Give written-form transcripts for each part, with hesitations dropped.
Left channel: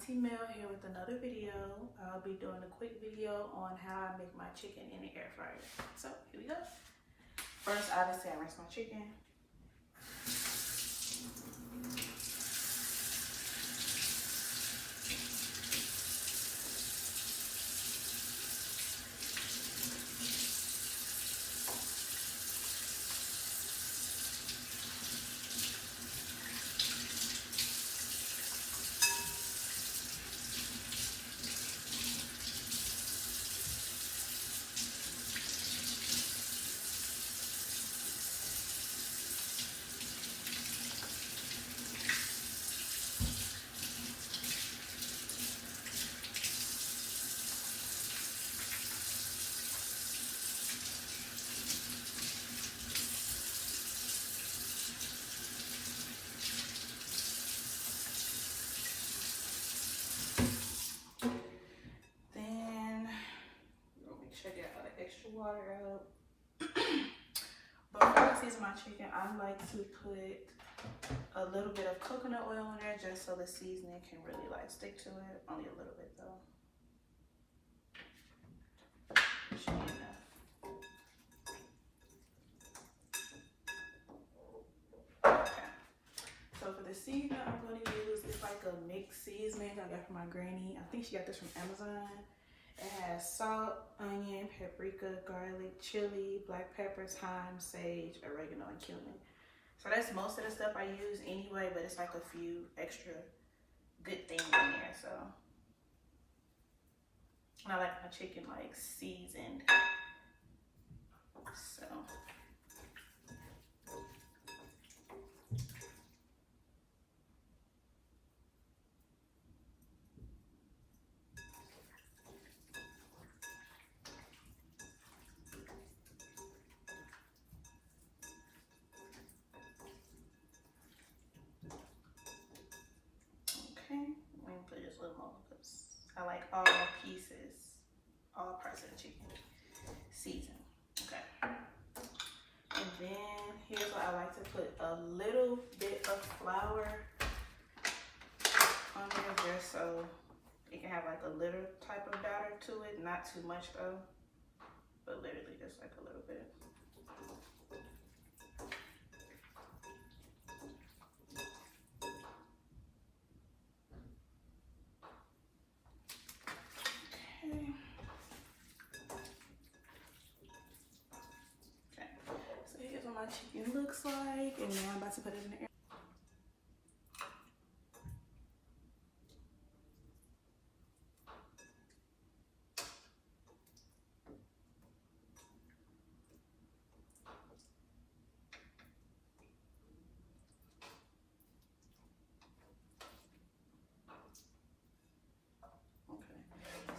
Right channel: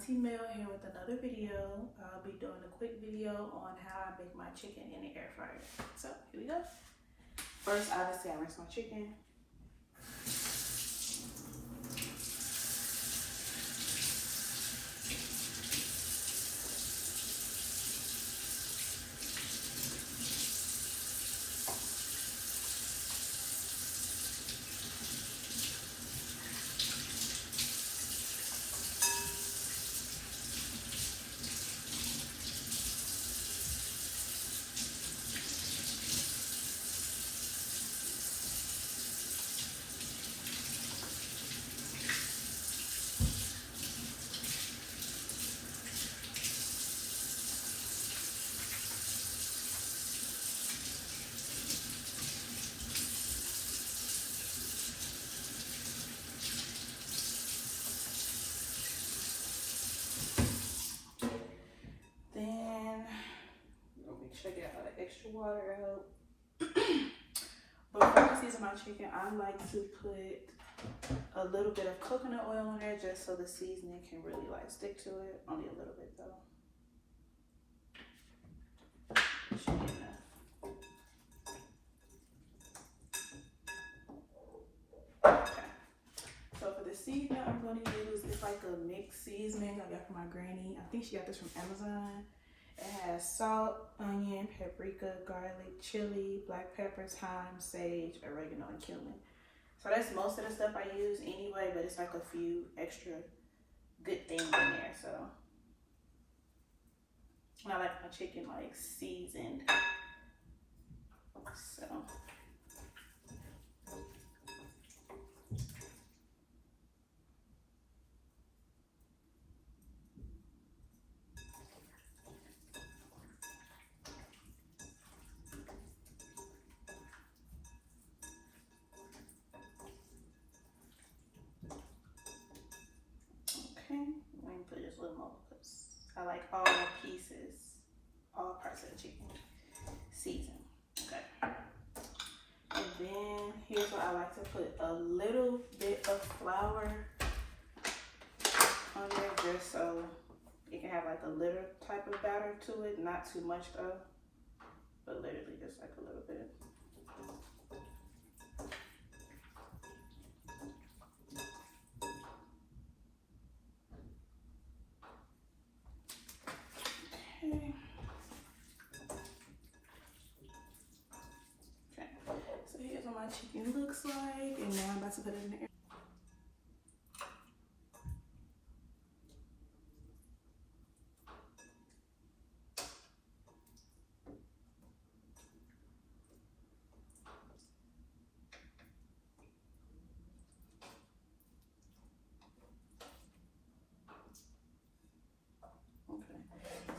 Auntie Mel here with another video. I'll be doing a quick video on how I make my chicken in the air fryer. So here we go. First, obviously, I rinse my chicken. Check it out, extra water out. Before I season my chicken, I like to put a little bit of coconut oil in there just so the seasoning can really like stick to it. Only a little bit though. Should be enough. Okay. So for the seasoning I'm going to use, it's like a mixed seasoning I got from my granny. I think she got this from Amazon. It has salt, onion, paprika, garlic, chili, black pepper, thyme, sage, oregano, and cumin. So that's most of the stuff I use anyway, but it's like a few extra good things in there. So I like my chicken like seasoned. So let me put just a little more because I like all pieces, all parts of the chicken seasoned. Okay. And then here's what I like to put a little bit of flour on there just so it can have like a little type of batter to it. Not too much though, but literally just like a little bit. So here's what my chicken looks like, and now I'm about to put it in the air. Okay,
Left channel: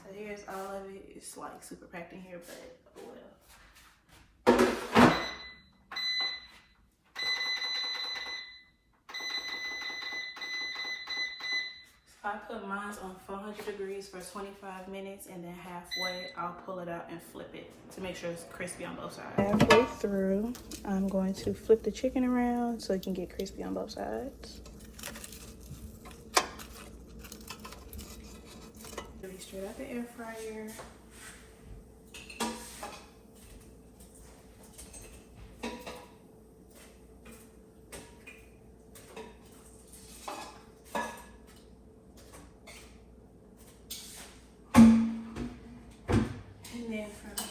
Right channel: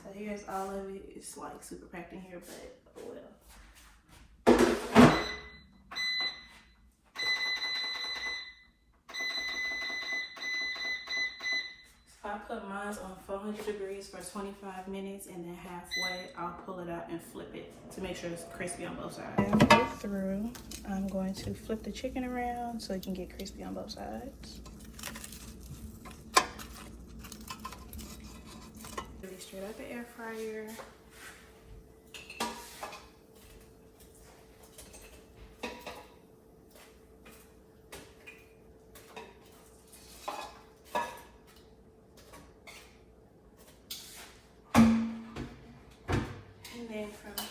so here's all of it. It's like super packed in here, but oh well. I put mine on 400 degrees for 25 minutes, and then halfway I'll pull it out and flip it to make sure it's crispy on both sides. Halfway through, I'm going to flip the chicken around so it can get crispy on both sides. Straight out the air fryer.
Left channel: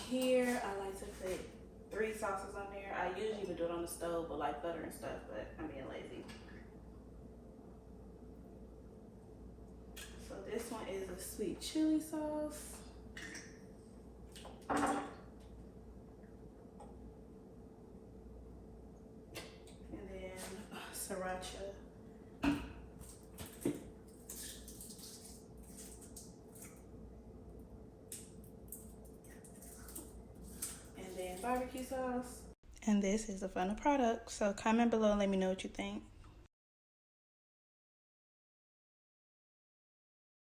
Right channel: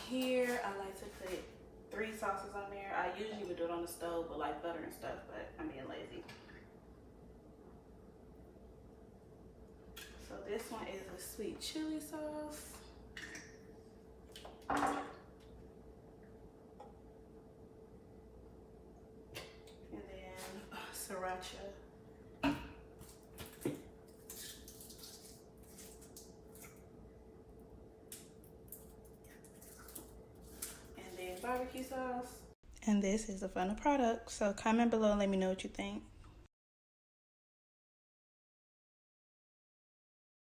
Here, I like to put 3 sauces on there. I usually would do it on the stove with like butter and stuff, but I'm being lazy. So this one is a sweet chili sauce. And then sriracha. Barbecue sauce. And this is the final product. So comment below and let me know what you think.